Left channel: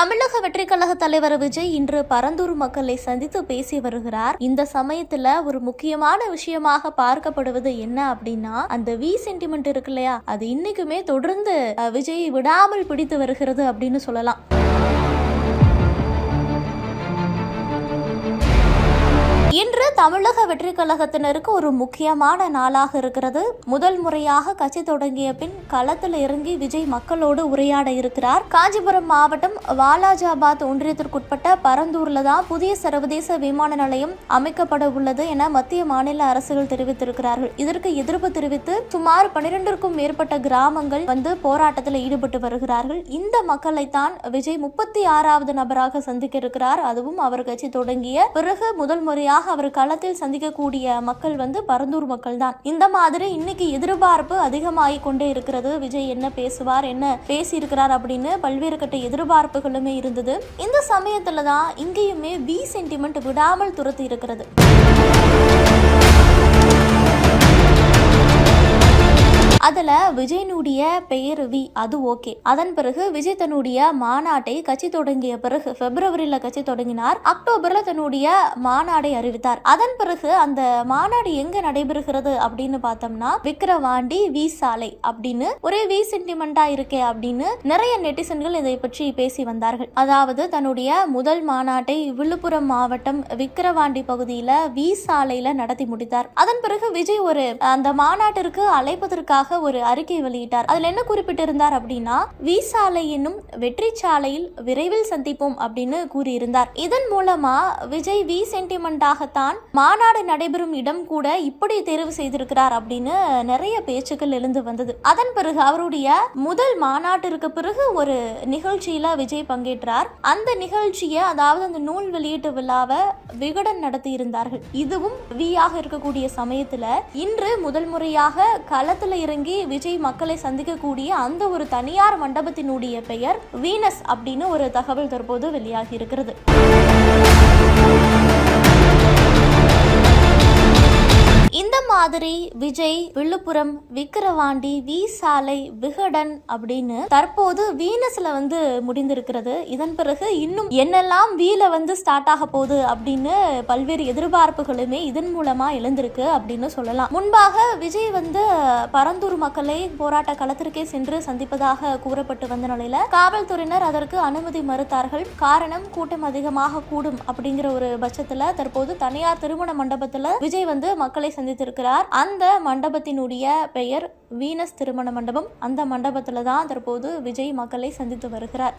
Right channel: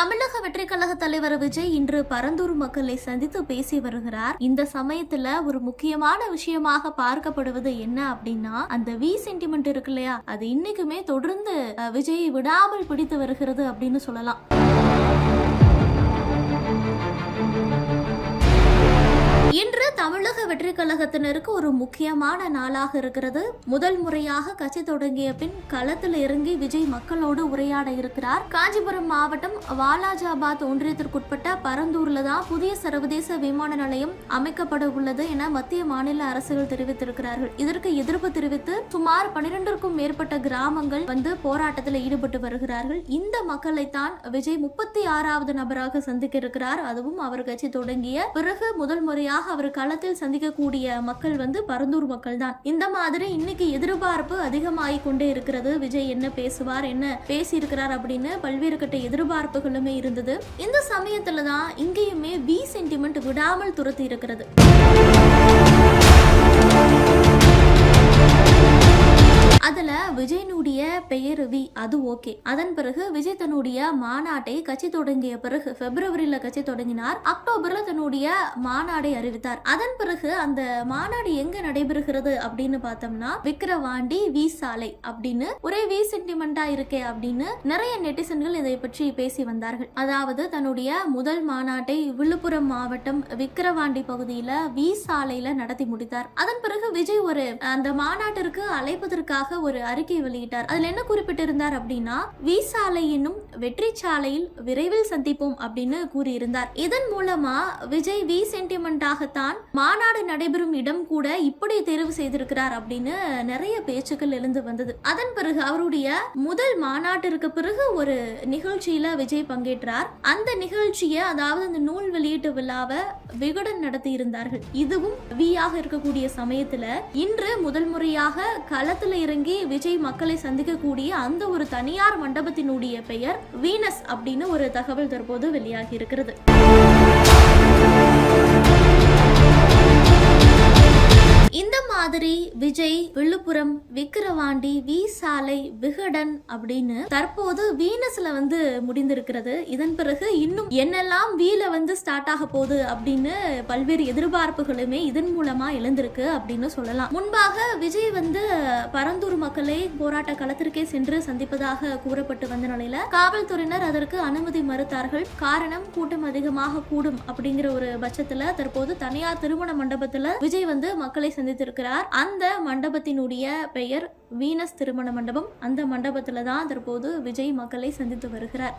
தமிழக வெற்றி கழக தலைவர் விஜய் இன்று பரந்தூர் மக்களை சந்தித்து பேசி வருகிறார். இந்த சமயத்துல ஒரு முக்கியமான விஷயமாக பார்க்கப்படுவது என்ன அப்படின்னா அந்த வி சென்டிமெண்ட் இருக்கு இல்லையா? அது இன்னைக்குமே தொடர்ந்து விஜய் விடாமல் பிடித்து வருகிறது அப்படின்னு சொல்லலாம். தமிழக வெற்றி கழகத்தினருக்கு ஒரு முக்கியமான நாளாக இருக்கிறது. முதல் முறையாக கட்சி தொடங்கிய பின் களத்தில் இறங்கி விஜய் மக்களோடு உரையாட இருக்கிறார். காஞ்சிபுரம் மாவட்டம் வாலாஜாபாத் ஒன்றியத்திற்குட்பட்ட பரந்தூர்ல தான் புதிய சர்வதேச விமான நிலையம் அமைக்கப்பட உள்ளது என மத்திய மாநில அரசுகள் தெரிவித்திருக்கிறார்கள். இதற்கு எதிர்ப்பு தெரிவித்து சுமார் பனிரெண்டிற்கும் மேற்பட்ட கிராமங்கள் வந்து போராட்டத்தில் ஈடுபட்டு வருகிறார்கள். இந்த மக்களைத்தான் விஜய் முப்பத்தி ஆறாவது நபராக சந்திக்க இருக்கிறார். அதுவும் அவர் கட்சி தொடங்கிய பிறகு முதல் முறையாக அவர் களத்தில் சந்திக்கக்கூடிய மக்கள் வந்து பரந்தூர் மக்கள் தான் இந்த மாதிரி இன்னைக்கு எதிர்பார்ப்பு அதிகமாகி கொண்டே இருக்கிறது. விஜய் என்ன பேசுவார் என்ன பேசியிருக்கிறார் அப்படின்னு பல்வேறு கட்ட எதிர்பார்ப்புகளுமே இருந்தது. இந்த சமயத்துல தான் இங்கேயுமே பி சென்டிமெண்ட் விடாமல் துரத்தி இருக்கிறது. விஜயனுடைய பெயர் வி அது ஓகே. அதன் பிறகு விஜய் தன்னுடைய மாநாட்டை கட்சி தொடங்கிய பிறகு பிப்ரவரியில கட்சி தொடங்கினார். அக்டோபர்ல தன்னுடைய மாநாடை அறிவித்தார். அதன் பிறகு அந்த மாநாடு எங்க நடைபெறுகிறது அப்படின்னு பார்த்தோம்னா விக்கிரவாண்டி வி சாலை அப்படின்னு ஒரே வி சென்டிமெண்டா இருக்கே அப்படின்னு நிறைய நெட்டிசன்கள் இதை பற்றி பேசி வந்தார்கள். அதாவது தன்னுடைய முதல் மாநாட்டை விழுப்புரம் மாவட்டம் விக்கிரவாண்டி பகுதியில வி சாலையில நடத்தி முடித்தார். அதன் பிறகு விஜய் ஒரு அந்த மாநாட்டிற்கு அழைப்பதற்காக ஒரு அறிக்கை வெளியிட்டார். அதுல என்ன குறிப்பிட்டிருந்தார் அப்படின்னா விசாலை என்னும் வெற்றி சாலையில் விரைவில் சந்திப்போம் அப்படின்னு கூறியிருந்தார். இதன் மூலமா விஜய் வி சென்டிமெண்டாகத்தான் மாநாடு நடைபெறும் இடம் கூட இப்படி தேர்வு செய்திருக்கிறார் அப்படின்னு நிறைய பேச்சுக்கள் எழுந்து வந்தது. அதன் பிறகு அவருடைய முதல் மாநாட்டிற்கு பிறகு ஒரு நிகழ்ச்சியில விஜய் பங்கேற்றார். அந்த நிகழ்ச்சியை அதாவது அந்த நூல் வெளியீட்டு விழாவை விகடன் நடத்தி இருந்தார்கள் இதுவும் வியாக இருக்கக்கூடிய சமயத்துல இன்று முதல் முறையாக களத்துல இறங்கி விஜய் மக்களை சந்திக்கக்கூடிய அந்த ஒரு தனியார் மண்டபத்தினுடைய பெயர் வீனஸ் அப்படின்னு ஒரு தகவல் தற்போது வெளியாகி இருக்கிறது. இந்த மாதிரி விஜய் விழுப்புரம் விக்கிரவாண்டி வி சாலை விகடன் அப்படின்னு தற்போது வீனஸ்ல வந்து முடிந்திருக்கிறது. இதன் பிறகு இன்னும் என்னெல்லாம் வீல வந்து ஸ்டார்ட் ஆக போகுது அப்படின்னு பல்வேறு எதிர்பார்ப்புகளுமே இதன் மூலமா எழுந்திருக்கு அப்படின்னு சொல்லலாம். முன்பாக விஜய் வந்து பரந்தூர் மக்களை போராட்ட களத்திற்கே சென்று சந்திப்பதாக கூறப்பட்டு வந்த நிலையில காவல்துறையினர் அதற்கு அனுமதி மறுத்தார்கள். காரணம் கூட்டம் அதிகமாக கூடும் அப்படிங்கிற ஒரு பட்சத்துல தற்போது தனியார் திருமண மண்டபத்துல விஜய் வந்து மக்களை சந்தித்திருக்கிறார். அந்த மண்டபத்தினுடைய பெயர் வீனஸ் திருமண மண்டபம். அந்த மண்டபத்தில் தான் தற்போது விஜய் மக்களை சந்தித்து வருகிறார்.